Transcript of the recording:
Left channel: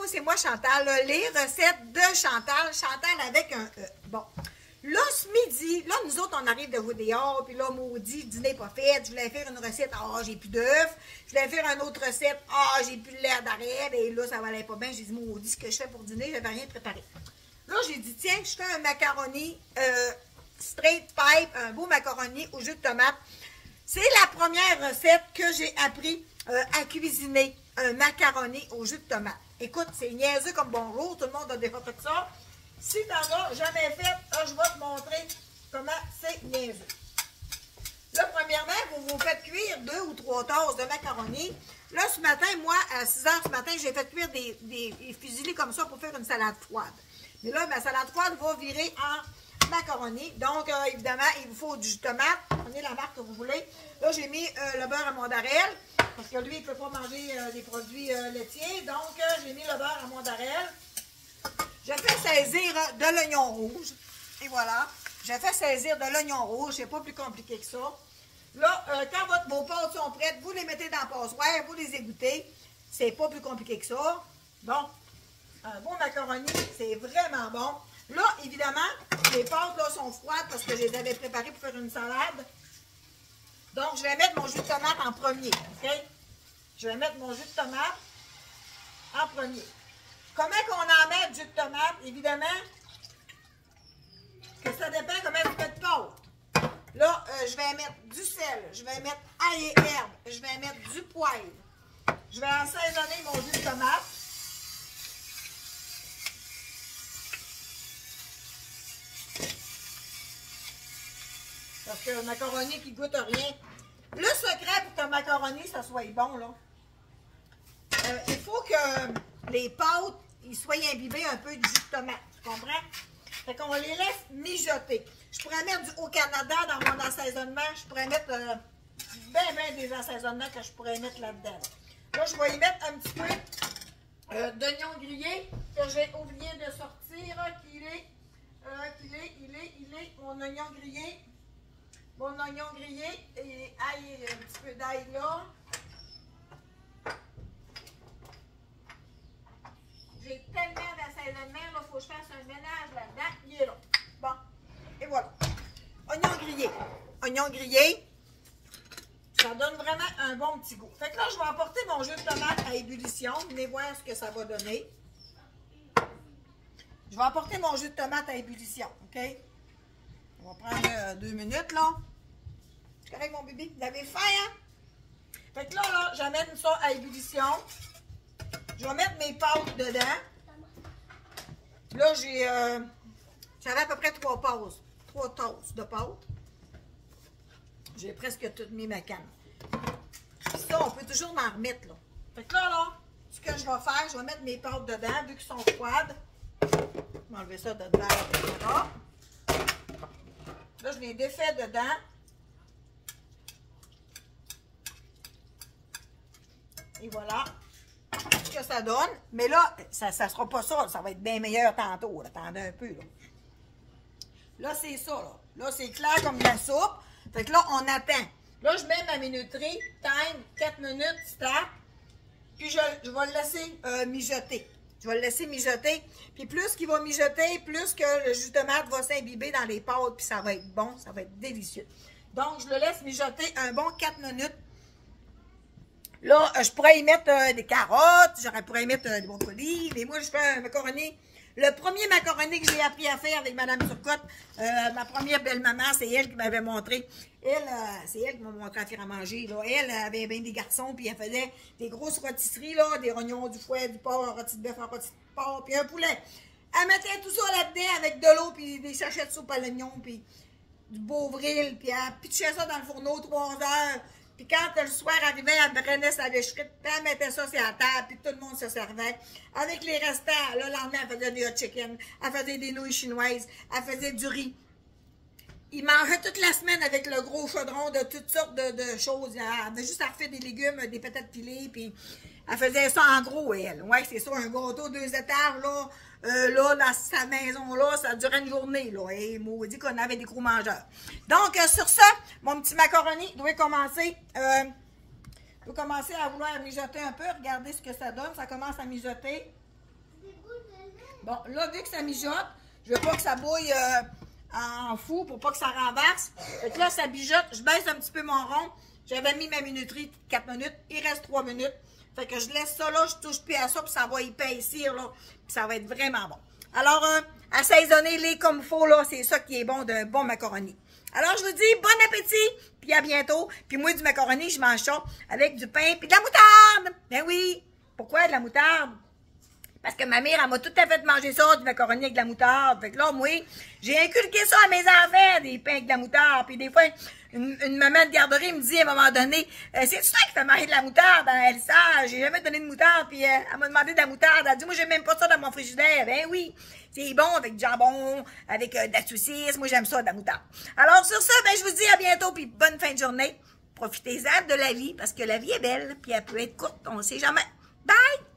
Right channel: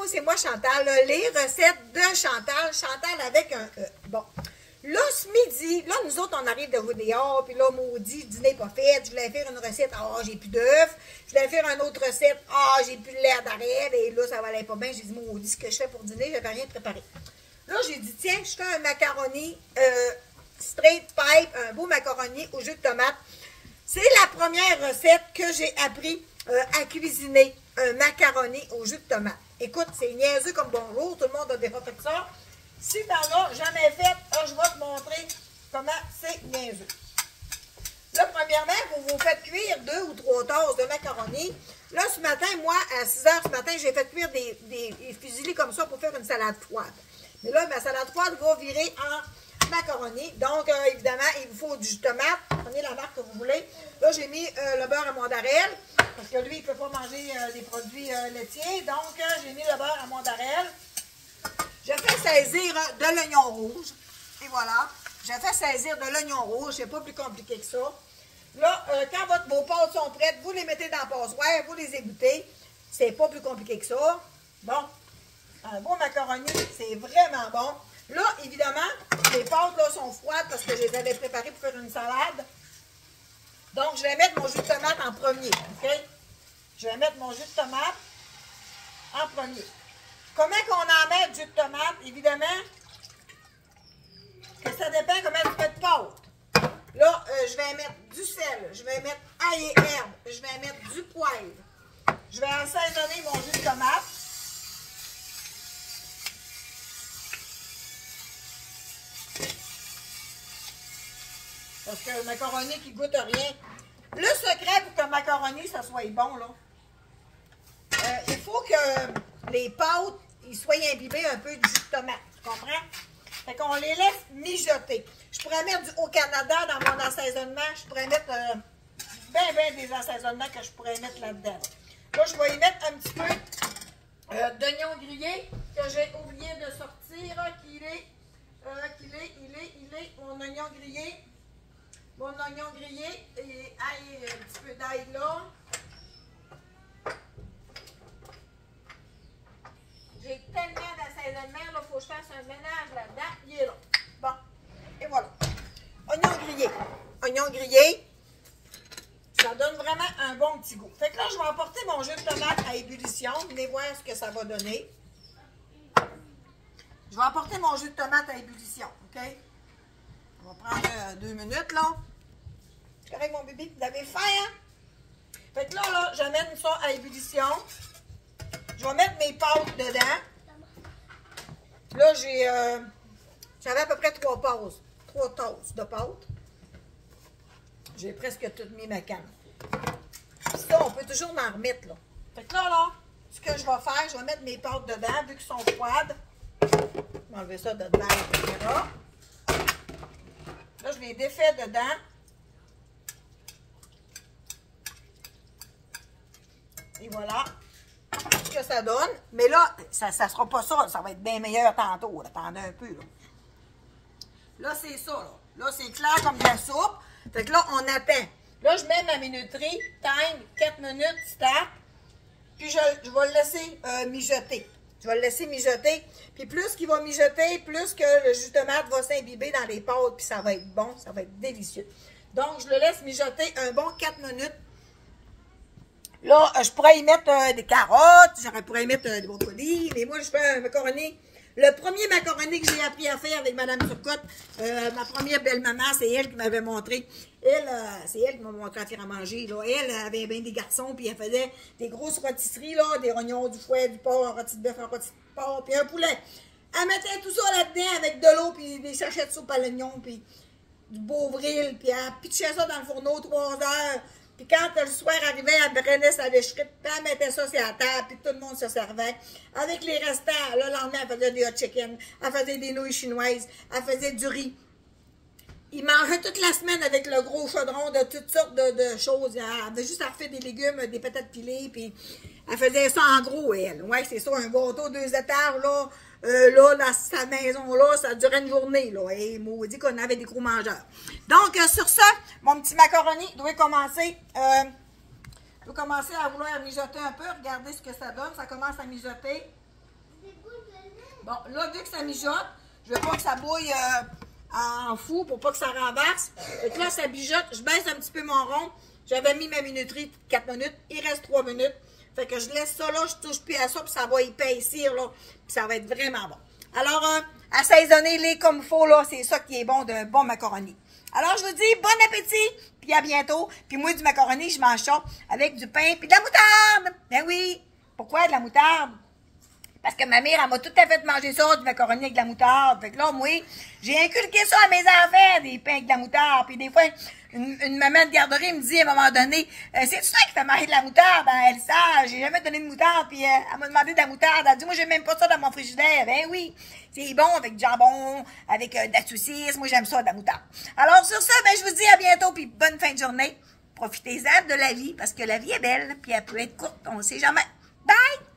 Allô, c'est moi Chantal, là, les recettes de Chantal, Chantal avec un E. Bon, là ce midi, là nous autres on arrive de Rodéa, puis là maudit, dîner pas fait, je voulais faire une recette, j'ai plus d'œufs, je voulais faire une autre recette, j'ai plus de lait d'arrêt, et là ça valait pas bien, j'ai dit maudit, ce que je fais pour dîner, je n'avais rien préparé. Là j'ai dit tiens, je fais un macaroni straight pipe, un beau macaroni au jus de tomate. C'est la première recette que j'ai appris à cuisiner, un macaroni au jus de tomate. Écoute, c'est niaiseux comme bonjour, tout le monde a déjà fait ça. Si t'en as jamais fait, je vais te montrer comment c'est niaiseux. Là, premièrement, vous vous faites cuire 2 ou 3 tasses de macaroni. Là, ce matin, moi, à 6 h ce matin, j'ai fait cuire des fusillis comme ça pour faire une salade froide. Mais là, ma salade froide va virer en macaroni. Donc, évidemment, il vous faut du jus de tomate. Prenez la marque que vous voulez. Là, j'ai mis le beurre à mozzarella. Parce que lui, il ne peut pas manger des produits laitiers. Donc, j'ai mis le beurre à mozzarella. Je fais saisir de l'oignon rouge. Et voilà. Je fais saisir de l'oignon rouge. C'est pas plus compliqué que ça. Là, quand vos pâtes sont prêtes, vous les mettez dans la passoire. Vous les égouttez. C'est pas plus compliqué que ça. Donc, un beau macaroni, c'est vraiment bon. Là, évidemment, les pâtes là, sont froides parce que je les avais préparées pour faire une salade. Donc, je vais mettre mon jus de tomate en premier. OK? Je vais mettre mon jus de tomate en premier. Comment qu'on en met du jus de tomate? Évidemment, que ça dépend comment tu fais de pâte. Là, je vais mettre du sel, je vais mettre ail et herbe, je vais mettre du poivre. Je vais assaisonner mon jus de tomate. Parce que le macaroni qui goûte rien. Le secret pour que le macaroni, ça soit bon, là, il faut que les pâtes, ils soient imbibés un peu du jus de tomate. Tu comprends? Fait qu'on les laisse mijoter. Je pourrais mettre au Canada dans mon assaisonnement. Je pourrais mettre ben des assaisonnements que je pourrais mettre là-dedans. Là, je vais y mettre un petit peu d'oignon grillé que j'ai oublié de sortir. Il est mon oignon grillé. Mon oignon grillé et ail, un petit peu d'ail là. J'ai tellement d'assaisonnement, il faut que je fasse un ménage là-dedans. Il est là. Bon, et voilà. Oignon grillé. Oignon grillé, ça donne vraiment un bon petit goût. Fait que là, je vais apporter mon jus de tomate à ébullition. Venez voir ce que ça va donner. Je vais apporter mon jus de tomate à ébullition, OK? On va prendre 2 minutes, là. C'est correct, mon bébé? Vous avez faim, hein? Fait que là, j'amène ça à ébullition. Je vais mettre mes pâtes dedans. Là, j'avais à peu près 3 tasses de pâtes. J'ai presque tout mis ma canne. Puis ça, on peut toujours en remettre, là. Fait que là, ce que je vais faire, je vais mettre mes pâtes dedans, vu qu'elles sont froides. Je vais enlever ça dedans, etc. Là, je les défais dedans. Et voilà ce que ça donne. Mais là, ça ne sera pas ça. Ça va être bien meilleur tantôt. Attendez un peu. Là, c'est ça. Là, c'est clair comme de la soupe. Fait que là, on attend. Là, je mets ma minuterie. Time, 4 minutes, start. Puis, je vais le laisser mijoter. Je vais le laisser mijoter. Puis, plus qu'il va mijoter, plus que le jus de tomate va s'imbiber dans les pâtes. Puis, ça va être bon. Ça va être délicieux. Donc, je le laisse mijoter un bon 4 minutes. Là, je pourrais y mettre des carottes, je pourrais y mettre des brocolis, mais moi, je fais un macaroni. Le premier macaroni que j'ai appris à faire avec Mme Turcotte, ma première belle-maman, c'est elle qui m'avait montré. C'est elle qui m'a montré à faire à manger. Là. Elle avait bien des garçons, puis elle faisait des grosses rôtisseries, là, des rognons, du fouet, du porc, un rôti de bœuf, un rôti de porc, puis un poulet. Elle mettait tout ça là-dedans avec de l'eau, puis des sachets de soupe à l'oignon, puis du Beauvril, puis elle pitchait ça dans le fourneau 3 heures. Puis quand le soir arrivait, elle prenait sa lèche-frite, puis elle mettait ça sur la table, puis tout le monde se servait. Avec les restants, le lendemain, elle faisait du hot chicken, elle faisait des nouilles chinoises, elle faisait du riz. Il mangeait toute la semaine avec le gros chaudron de toutes sortes de choses. Elle avait juste à faire des légumes, des patates pilées, puis elle faisait ça en gros, elle. Ouais, c'est ça, un gâteau 2 étages, là. Là, dans sa maison-là, ça durait une journée, là. Et maudit qu'on avait des gros mangeurs. Donc, sur ça, mon petit macaroni doit commencer à vouloir mijoter un peu. Regardez ce que ça donne. Ça commence à mijoter. Bon, là, vu que ça mijote, je veux pas que ça bouille en fou pour pas que ça renverse. Et là, ça mijote. Je baisse un petit peu mon rond. J'avais mis ma minuterie 4 minutes. Il reste 3 minutes. Fait que je laisse ça là, je touche plus à ça, puis ça va épaissir, là. Puis ça va être vraiment bon. Alors, assaisonnez-les comme il faut, là. C'est ça qui est bon de bon macaroni. Alors, je vous dis bon appétit, puis à bientôt. Puis moi, du macaroni, je mange ça avec du pain puis de la moutarde. Ben oui. Pourquoi de la moutarde? Parce que ma mère, elle m'a tout à fait manger ça, du macaroni avec de la moutarde. Fait que là, moi, j'ai inculqué ça à mes enfants, des pains avec de la moutarde. Puis des fois, une maman de garderie me dit à un moment donné, c'est ça qui fait manger de la moutarde? Ben, elle sait, j'ai jamais donné de moutarde. Puis elle m'a demandé de la moutarde. Elle dit, moi, j'aime même pas ça dans mon frigidaire. Ben oui, c'est bon avec du jambon, avec de la saucisse. Moi, j'aime ça, de la moutarde. Alors, sur ça, ben, je vous dis à bientôt, puis bonne fin de journée. Profitez-en de la vie, parce que la vie est belle, puis elle peut être courte, on ne sait jamais. Bye!